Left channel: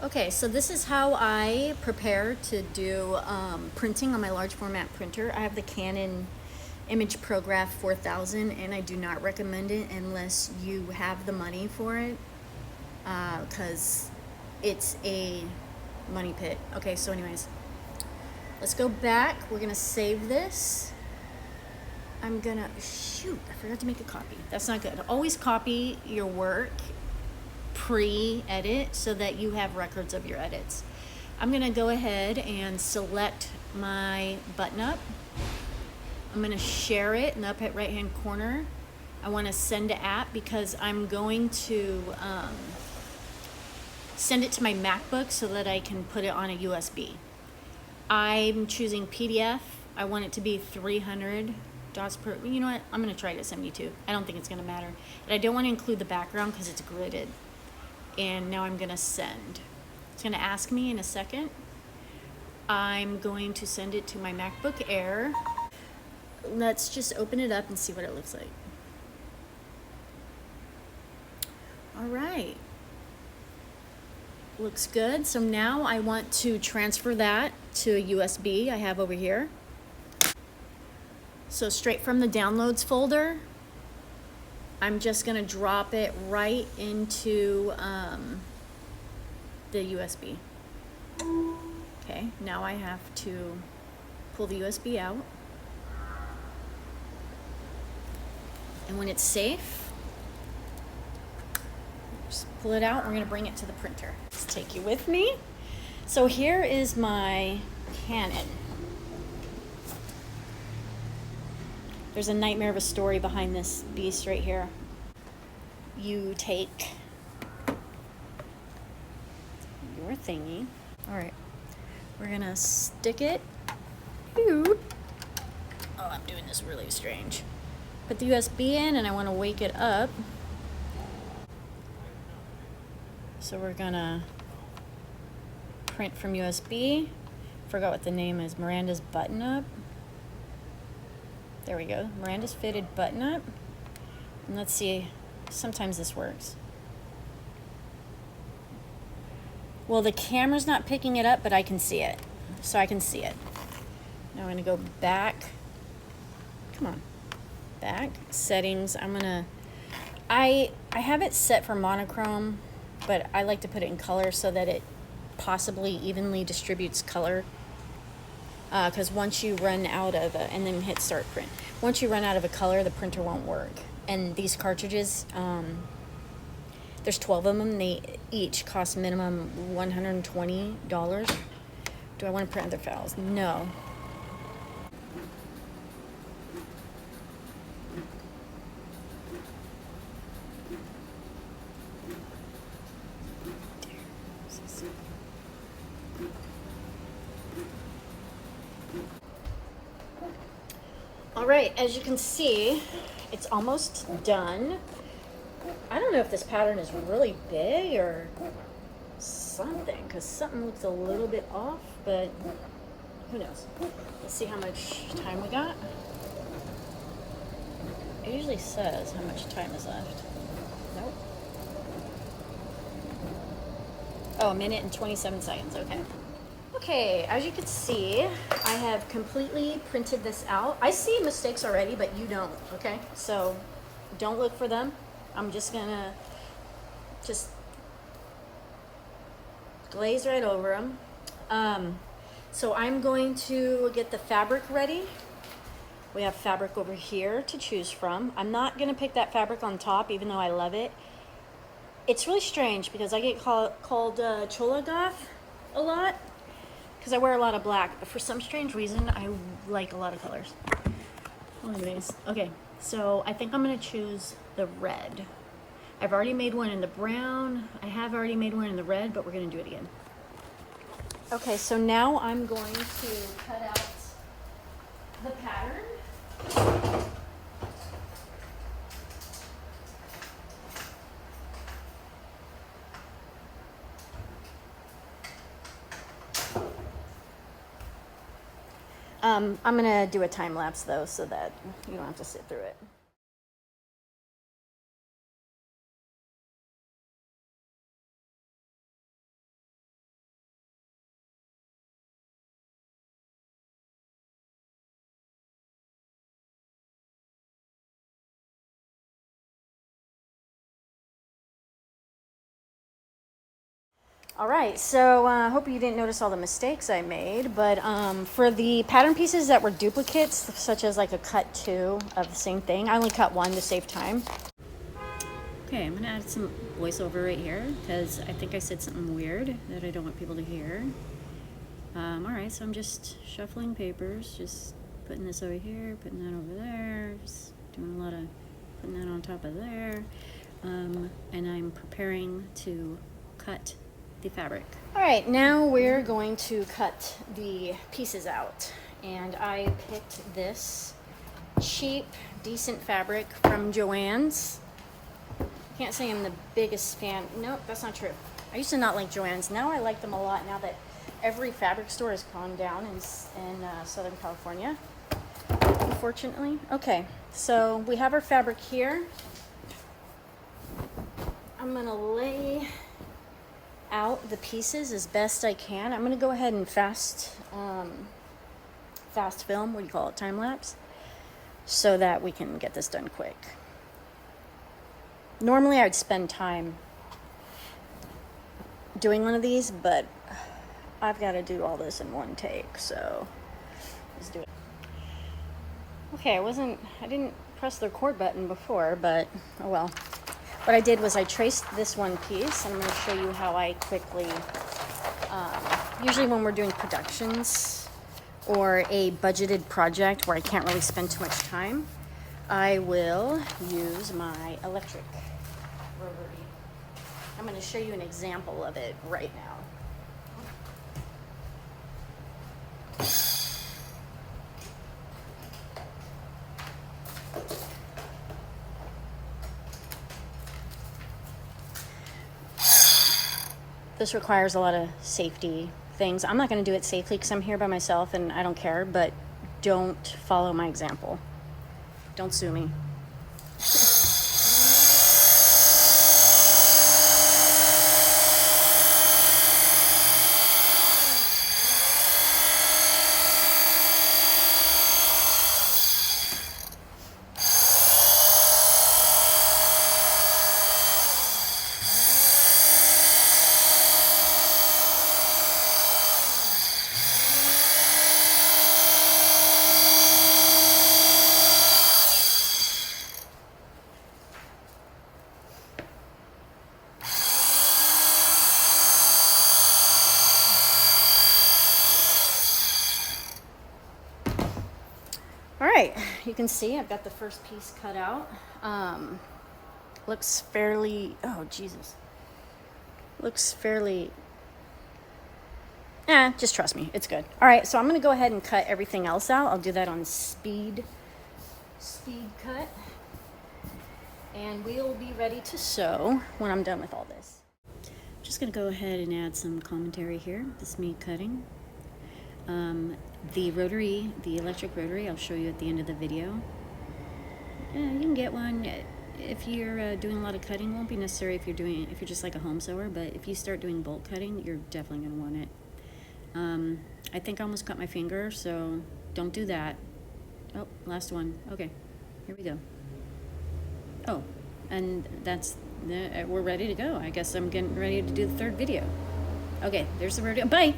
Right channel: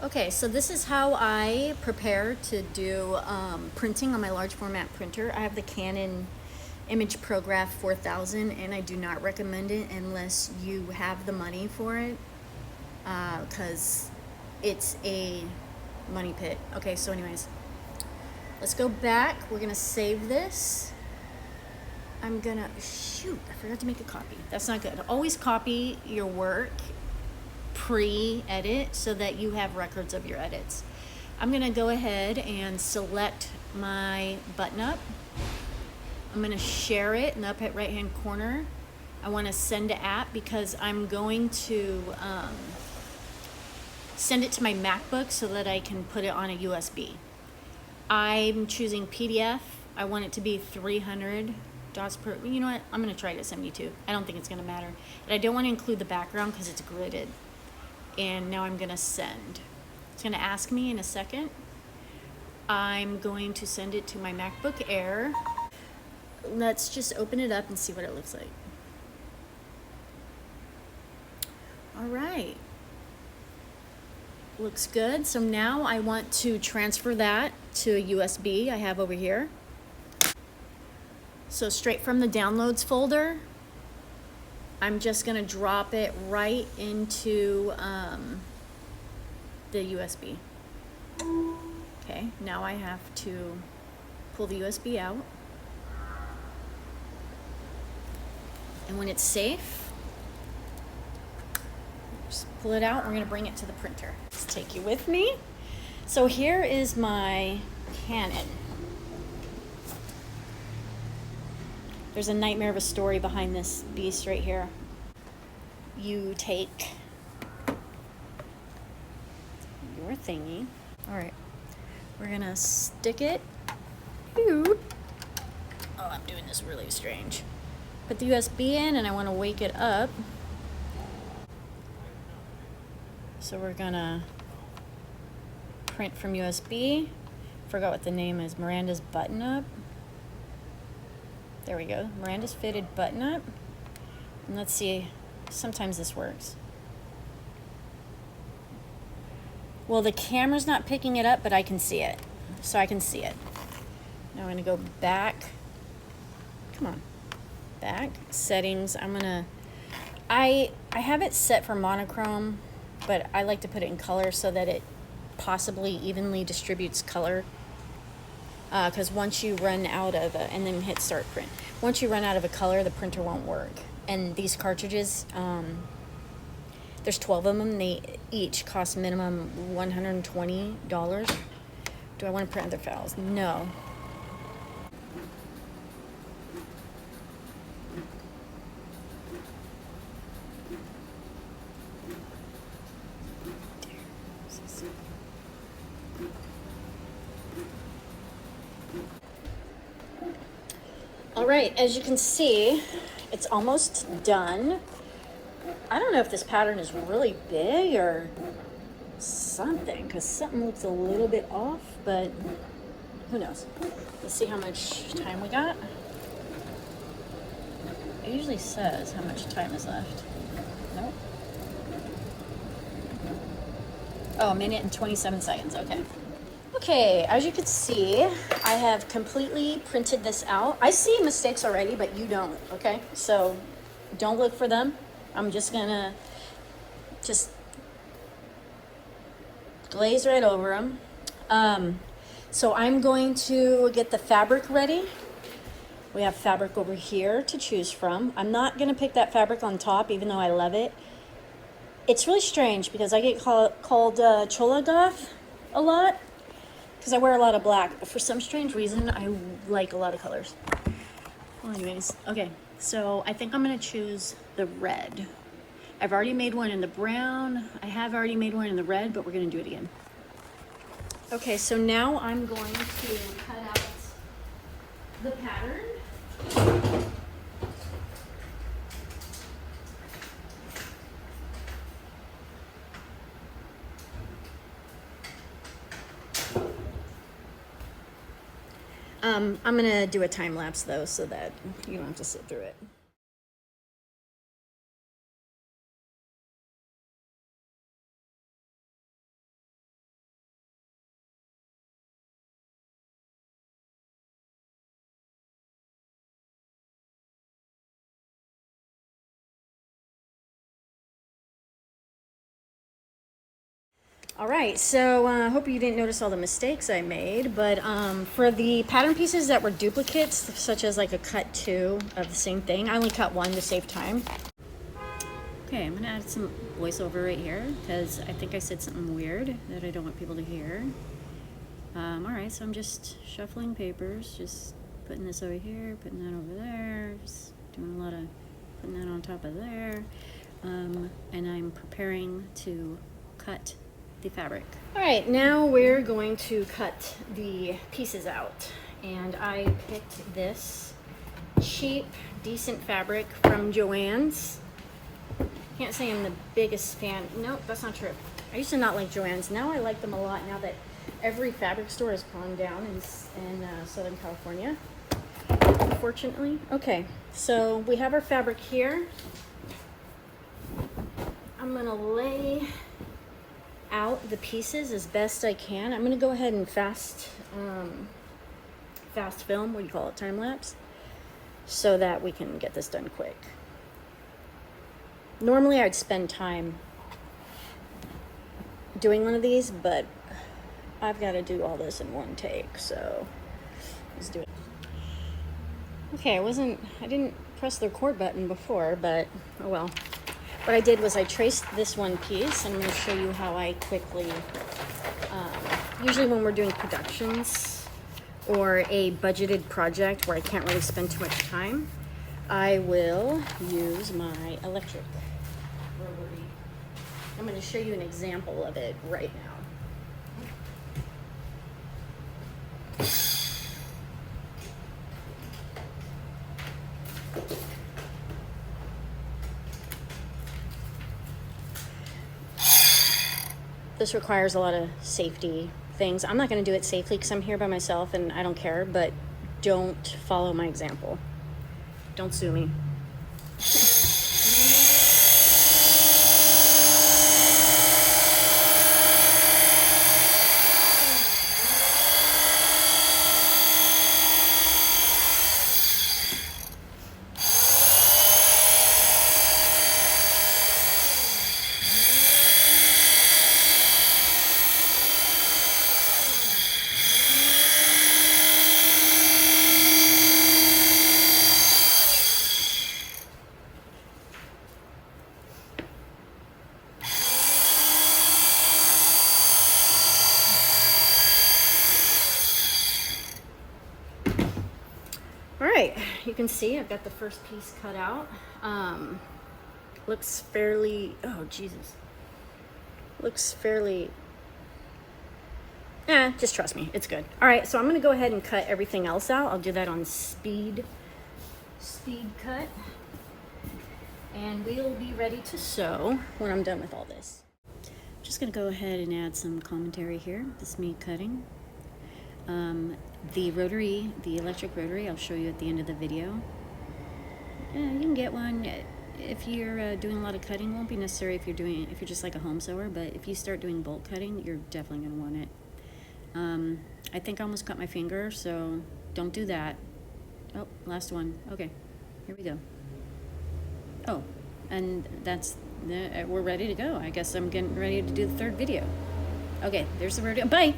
Okay, so this is how I prepare to do printing on my large format printer. I have the Canon Image ProGraph 4000 and I do not recommend it unless you have the money for it because it's a money pit. Okay, so anyways, let's go back. We're gonna save this. I'm gonna, shoot, I forgot to make a copy. That's not good. Always copy your work pre-edit so that you have records of your edits. I'm gonna go ahead and select my button up. I'm gonna share it in the upper right hand corner. I wanna send to app because I'm going to send it to my MacBook so that I can put it on a USB. I'm choosing PDF. I want it to be 300 dots per, you know what, I'm gonna try it at 72. I don't think it's gonna matter. But I don't wanna include the background because it's gridded. And now I'm gonna send. It's gonna ask me in a second. I'm going to send it to my MacBook Air. Let's just open it up and see what it looks like. All right. Looks good. So now I want to transfer that to a USB I have over here. So straight from the downloads folder, I'm just gonna drop it right into the USB. Okay, now I have to pull the USB out. And when it's safe, just pull it out. We're gonna bring it to the printer. Let's take you with me. So here is my Canon. There's a nightmare of a story behind this beast right here. You take your thingy. All right, we're gonna stick it. Oh, I'm doing this really strange. Put the USB in and I wanna wake it up. So we're gonna print from USB. Forgot what the name is, Miranda's Button Up. There we go, Miranda's Fitted Button Up. And let's see, sometimes this works. Well, the camera's not picking it up, but I can see it. So I can see it. Now I'm gonna go back. Come on, back, settings. I have it set for monochrome, but I like to put it in color so that it possibly evenly distributes color. Because once you run out of and then hit start print. Once you run out of a color, the printer won't work. And these cartridges, there's 12 of them. They each cost minimum $120. Do I want to print other files? No. All right, as you can see, it's almost done. I don't know if this pattern is really big or something, because something looks a little bit off, but who knows? Let's see how much time we got. It usually says how much time is left. Nope. Oh, 1 minute and 27 seconds, okay. Okay, as you can see, I have completely printed this out. I see mistakes already, but you don't, okay? So don't look for them. I'm just gonna glaze right over them. So I'm going to get the fabric ready. We have fabric over here to choose from. I'm not gonna pick that fabric on top, even though I love it. It's really strange because I get called Chola Goth a lot because I wear a lot of black, but for some strange reason, I like a lot of colors. Well, anyways, okay, so I think I'm gonna choose the red. I've already made one in the brown. I have already made one in the red, but we're gonna do it again. Okay, so now I'm going to cut out the pattern. I'm gonna do a time lapse though, so that you don't have to sit through it. All right, so I hope you didn't notice all the mistakes I made, but for the pattern pieces that were duplicates, such as like a cut 2 of the same thing, I only cut 1 to save time. Okay, I'm gonna add some voiceover right here because I think I said something weird that I don't want people to hear. All right, so I'm just shuffling papers, just putting this over here, putting that over there, just doing a lot of putting that on top of there, and I'm preparing to cut the fabric. All right, now we're going to cut the pieces out, and I picked this cheap, decent fabric from Joann's. Can't say I'm the biggest fan. Nope, that's not true. I used to not like Joann's. Now I like them a lot now that every fabric store has gone down in Southern California, unfortunately. Okay, so we have our fabric here. I'm gonna lay out the pieces as best I can. I'm gonna go ahead and fast film, what do you call it, time lapse, so that we can get this done quick. Normally I'd spend time doing one of these, but I've got to do all this in one take, so let's do it. Okay, I didn't press the record button before, but oh well. What I did was I traced this one piece, and I'm going to show you how I quickly, usually when we're doing productions or a budgeted project where I can't really spend too much time, I will use my electric rotary. I'm going to show you an example of it right now. This requires a lot of safety things. I'm not going to do it safely because I'm here by myself and I don't care, but don't follow my example. Don't sue me. All right, you can see I've got the first piece cut out. Looks fairly, oh Jesus. Looks fairly, just trust me, it's good. All right, so I'm gonna go ahead and cut everything else out. I'll do that on speed cut. And we'll be ready to sew when I'm done with all this. I'm just gonna go ahead and add some commentary here. This is me cutting. The rotary, the electric rotary, I'll show you at the end of the video. You can get one if you're doing a lot of cutting. It won't be necessary if you're just like a home sewer, but if you start doing bulk cutting, you're definitely gonna want it. I think I almost cut my finger, so don't do that. Oh, last one. Okay, here we go. Oh, and we're ready to go. I guess I'm getting ready to do the third video. Okay, there's the rodeo. Bye.